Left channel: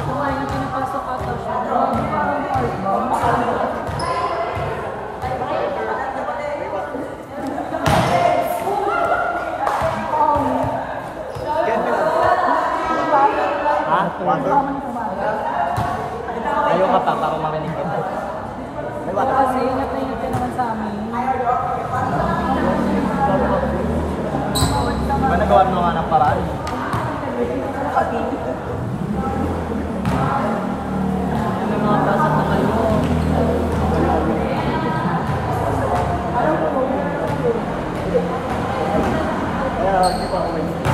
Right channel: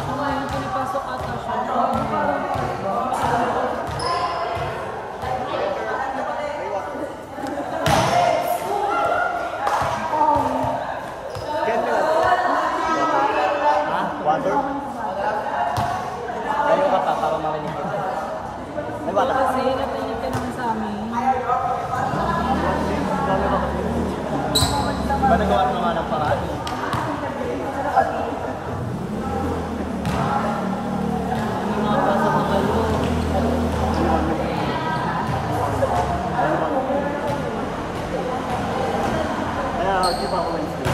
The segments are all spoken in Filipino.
Kung ayun, pinapasok ata siya. Ayaw ka pa, para mamaling ko. Oo, kasi ingat ka naman sa amin. Di ba nagawa mo nga ng paraan? Ano mga pasok na kayo? Kaya, di pa ako may hindi.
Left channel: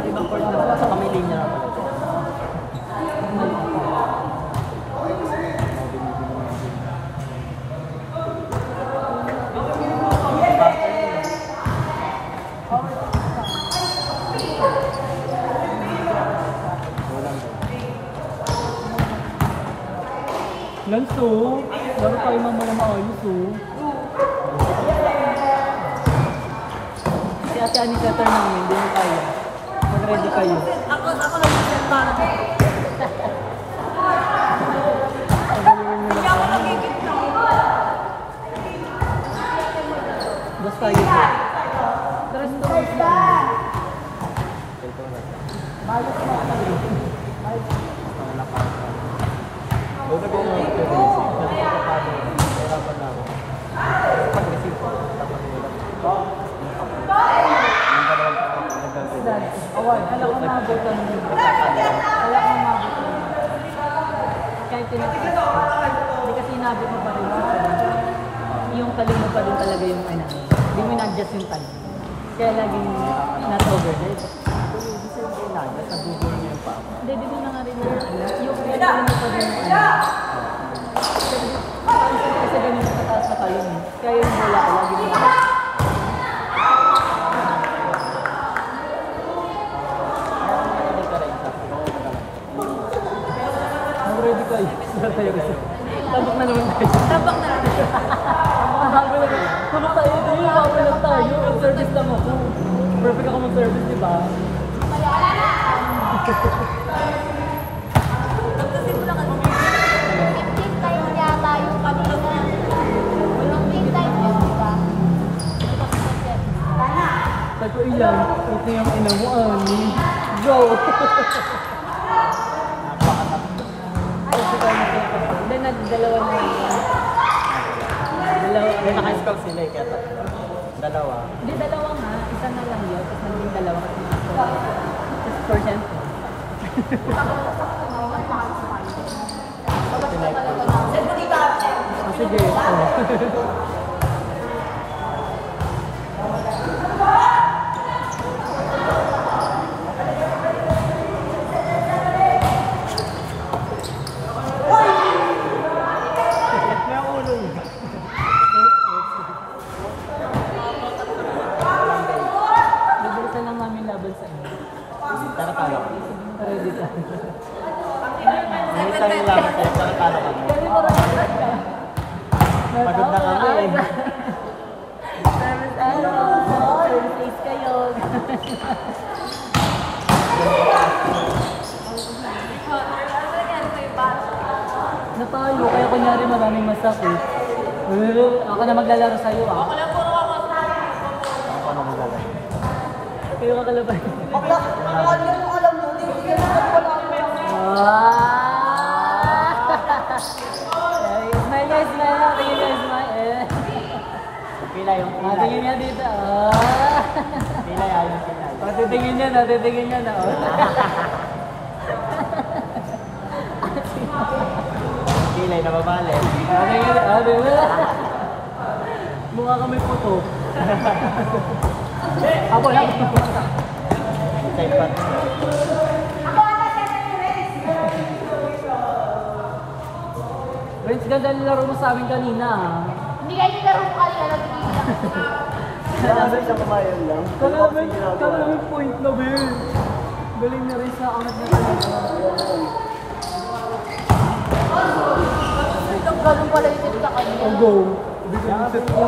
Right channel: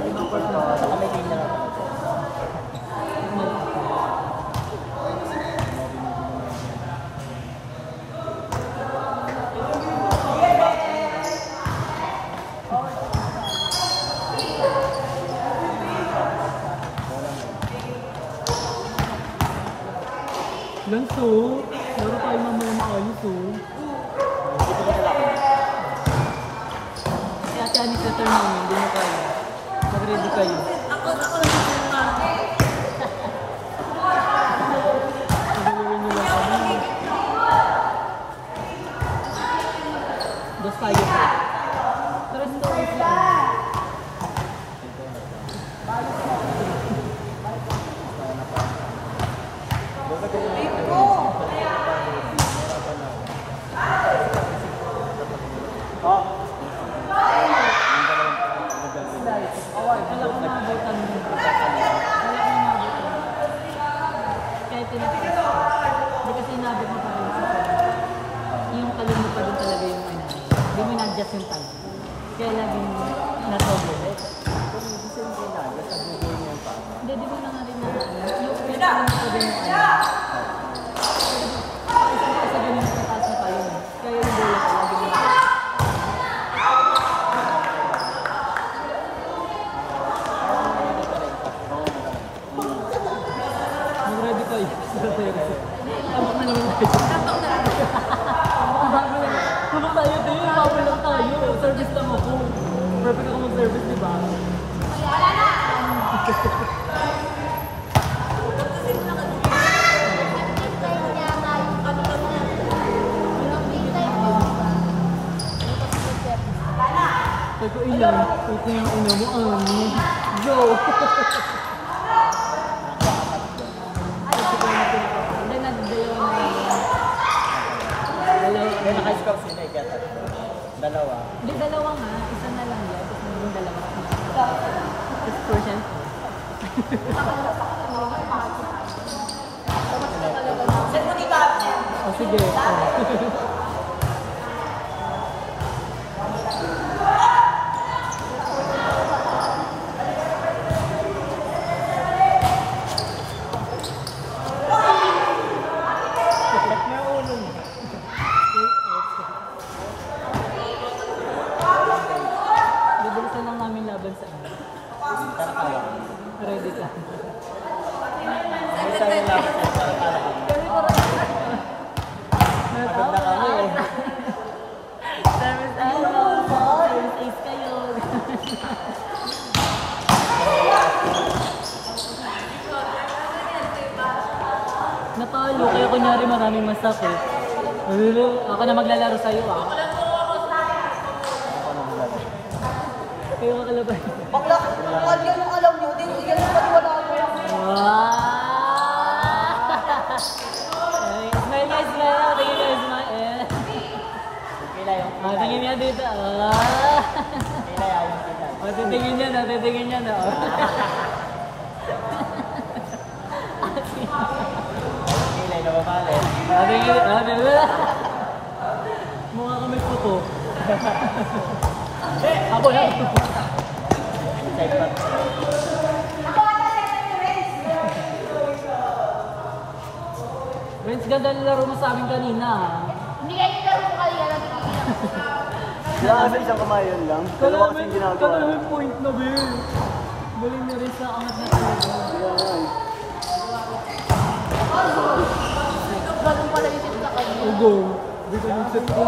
Ibang court na sa kamay linya. Lanso, laro tayo mga maayos Si Ate Ani setter namin, hindi mo kaya. Mag-ready kayo. Ako lang yung parang. Pagalingan nyo lang kami. Dos tayo po. Tres to us na. Ayos na. Huwag na kong hirapan na ako. Pag-receive ko, tapat mo lang. Kala ko mabutan mo. Kala ko mabutan mo. Kahit tinapas. Hindi kasi inabot mo pa rin. Yung kali mo pa rin talaga yung ano. Hindi mo na-adjust yung time. Kaya laging not-overhead. Hindi, di mo na nga rin na ano. Yung kaya mo pa rin yung ano. Kasi ganun sa taas na kali mo. Kaya yung bola ko lagi mo na. Mag-ready kayo sa terrace. Tabak na naman tayo. Tabak na. Habol lang. Tabak tayo din. Habol lang tayo. Service lang ako. Perfect ako mag-service, di ba? Pagkasin mo lang kasi 15 time yata yung pag-vlog niya. 15 time yun, di ba? Sabi ko ilan. Ito yung ina mo, Ani. Go! Hindi, nagdalawa na yun. Dalawa. Kaya naka-scout sila eh, kaya dalawa. Hindi, dalawa nga. Isa na lang yan. Tapos naging dalawa kasi naka-scout. Tapos percent. Oh, sige. Bibilisan lang namin laban sa inyo. Tara tayo. Ready ka. Hindi tayo lang. Tara tayo kami. Kami mo rin. Pagod na kami eh. Service service is kayo. Natalo, kaya kunyari maraming masakit. Ako na maglalaro sa'yo ah. Ano pa naglalay? Kayo kakalaban. Smile niya, smile niya. Tingin niya, smile. Okay na yung Tingin niya dito. okay na yan. Titingin niya na, titingin niya na. Kilay na mabali. Sabi mo, mukha ka may puto. Habol. Check pa. Friends, ganda nilaro mo sa amin kanina. Hindi kayo nilaro ko kayo. Sabi isang kamayan lang. Kala namin point na, Ben. Galing na rin sa angat niya talaga. Oh, go. Dito yung set ko.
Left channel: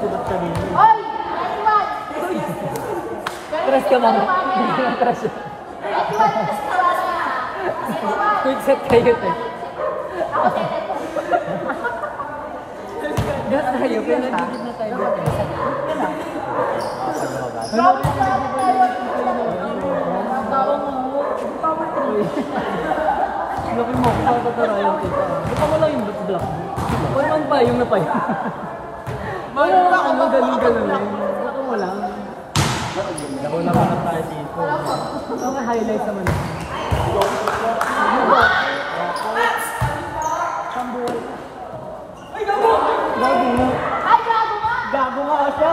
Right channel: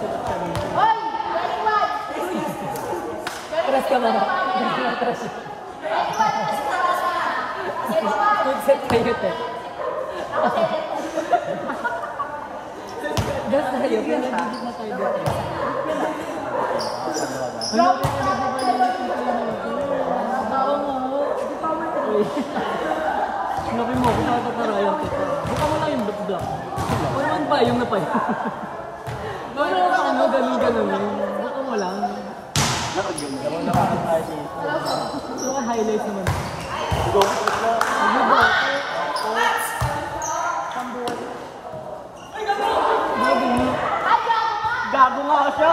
Sibat kanina. Ay! Tres ka lang. Quick set kayo, te. Gat tayo, kaya nagigit na tayo dito. Ano rin yung laki mo, patatarayan kita. Baka mo lang yung black. O naman pa, yung napay. Baka ano, ganun eh. Baka mo lang. Labang naman yung tayo dito. Mga highlights naman. Ano ba? Bago mo. Gago nga siya.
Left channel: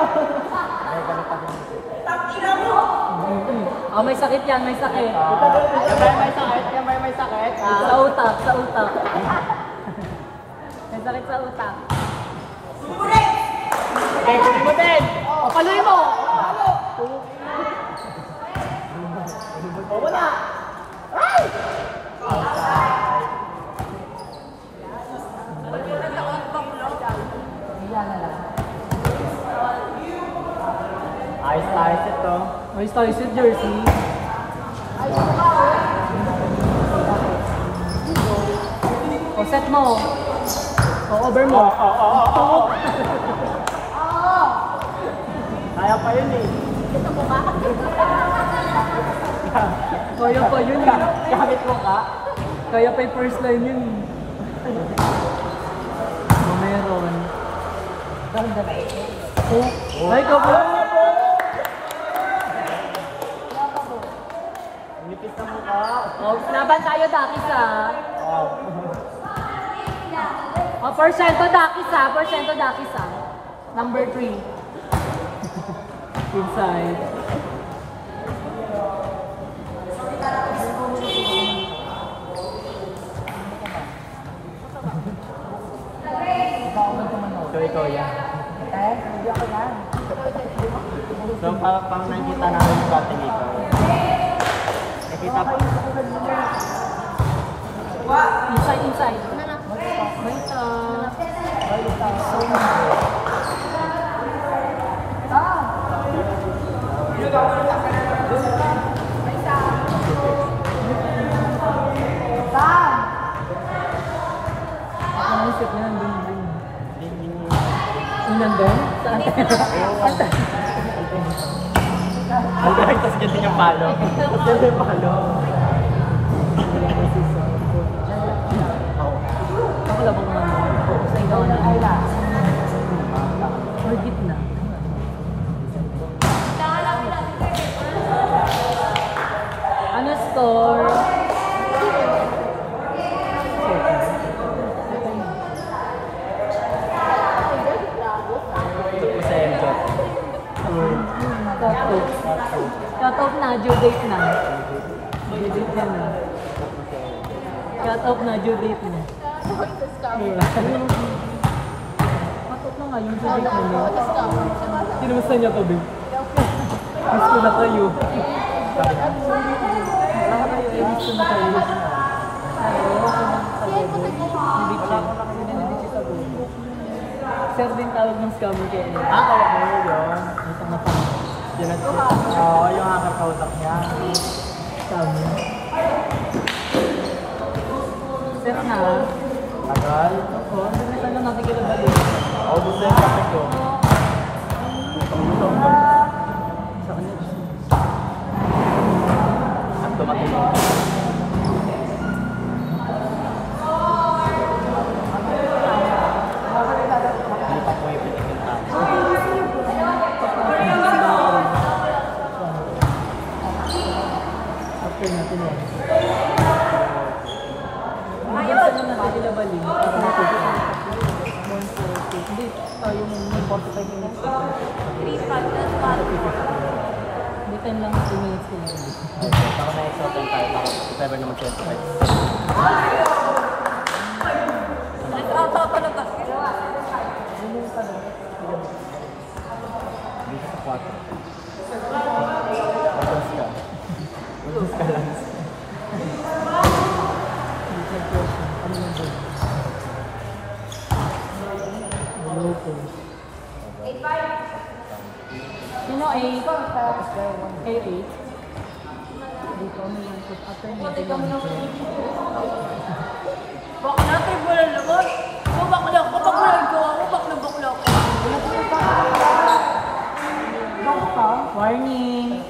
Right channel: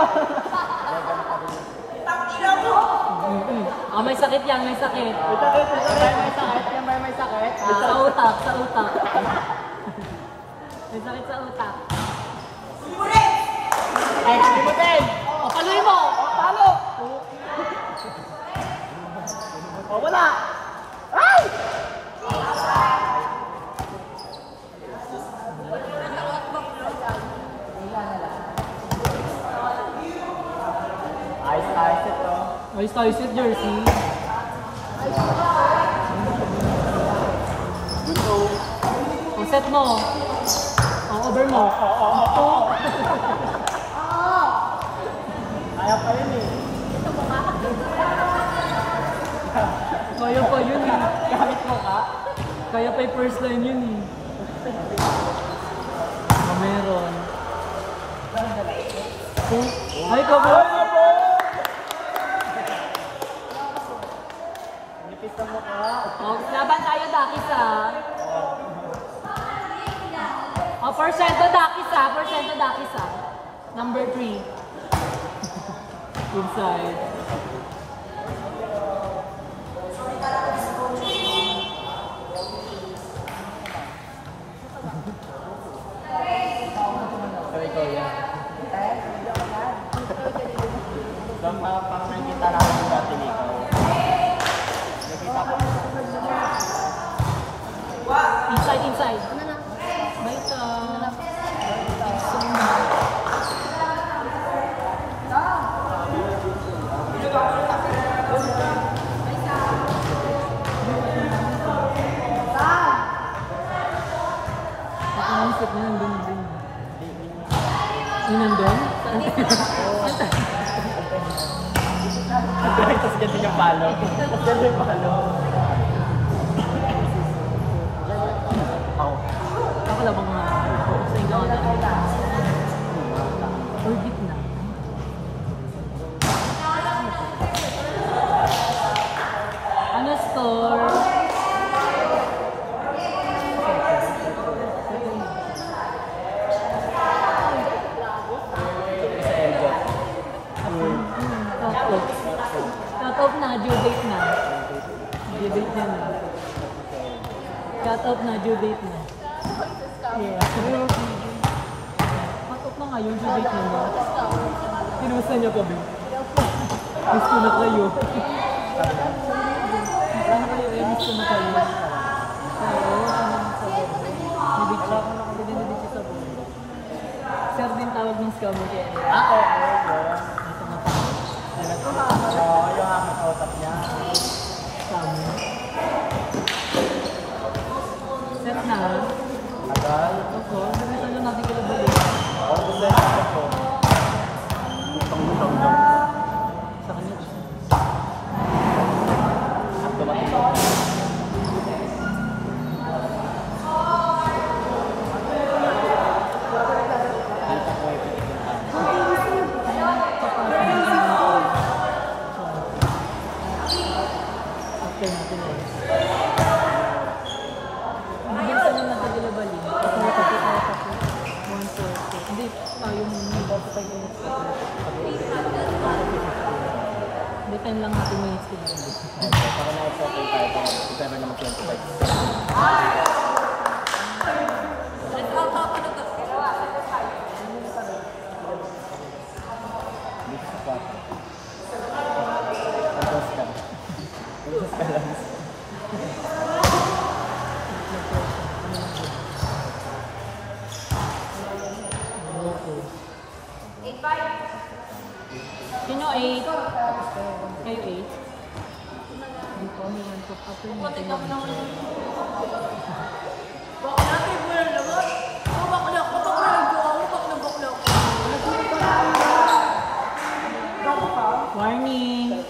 May sakit yan, may sakit. May sakit. Sa utak. May sakit sa utak. Eh, kulimutin! O, paluin mo! Palo! O, wala! Ay! Ayos ito. Ayos tayo sa jersey. O, set mo. O, over mo. Ayaw pa yun eh. Kaya pa yun eh. Gamit mo ka? Kaya pa yung first line yun eh. O, meron. Oh, ay, kabo! Nipit sa mukha. O, laban tayo, Dakis ah. O, porsyento Dakis ah. Porsyento Dakis ah. Number 3. Inside. Ikaw yan. So, parang nakikita namin yung dating ikaw. Nakikita po. Inside. Ano na? May sa... Ako naisip niya, nandun din. Yung nandun? Saan tayo? Ang tapos ganyan yung palo. Ako labang naman. Focus na yung gawa namin. Or gitna. Ano score? Sa Emjot. Cut off. Cut off na, due date na. Due date na na. Cut off na, due date na. Cut off na nga yung due date na na. Kinumusta niya ko, Bing? Miss ko na kayo. Miss ko na kayo. Oo, ako nang sa bobo. Nidichi. Nidichi sa bobo. Sir din tawag ng scammer kay Ella. Okay yun. Ito na pa. Oo, yung hacker kausap niya. Scammer. Set na. Tagal. Ako, nagresan lang natin kila balik. Ako gusto yung kape ko. Gutom ko. Sa kanya. At tumatino. Hindi pa po ipitik yung tao. After natin on. Nagresan lang natin kila balik. Para may pagkakita. Monster. 10 lang natin minutes ko na rin. Baka may extra time tayo. Baka if ever naman 25. Nag-ata na tayo. This is what? Pagkas ka. Pagkas ka lang. Ano lang din? Hello po. Sino 8? Kayo 8? Dito may 1 shot after natin 1 shot. Bak natin mo na naman. Bakla ko, bakla ko ako, bakla ko. Warning!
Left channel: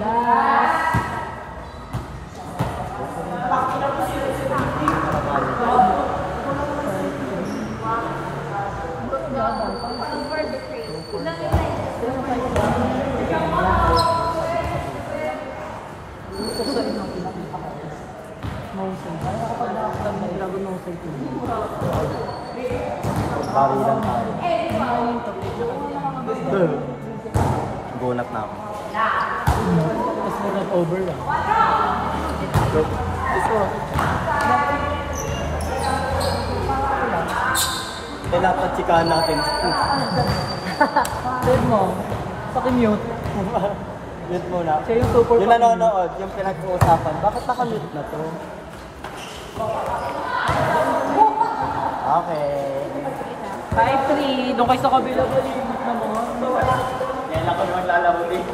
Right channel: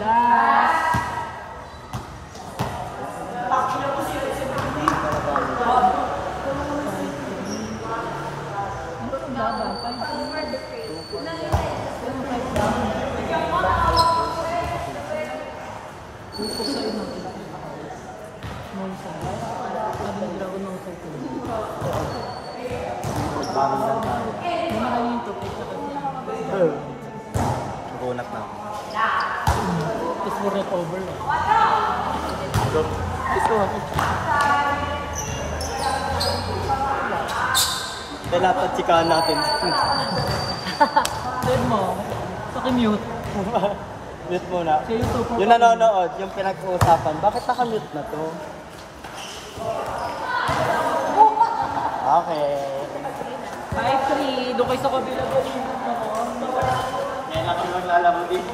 Last! Dragon Mousai ko. Bawi lang tayo. Ano yung topic na kasi? Gunat na ako. Tapos more not over lang. Kailangan patsikahan natin. Third mo, paki-mute. Mute muna. Siya yung super Yung nanonood, yung pinag-uusapan, bakit naka-mute na to? Okay. 5-3, doon kayo sa kabila. Yan lang ako maglalaro dito.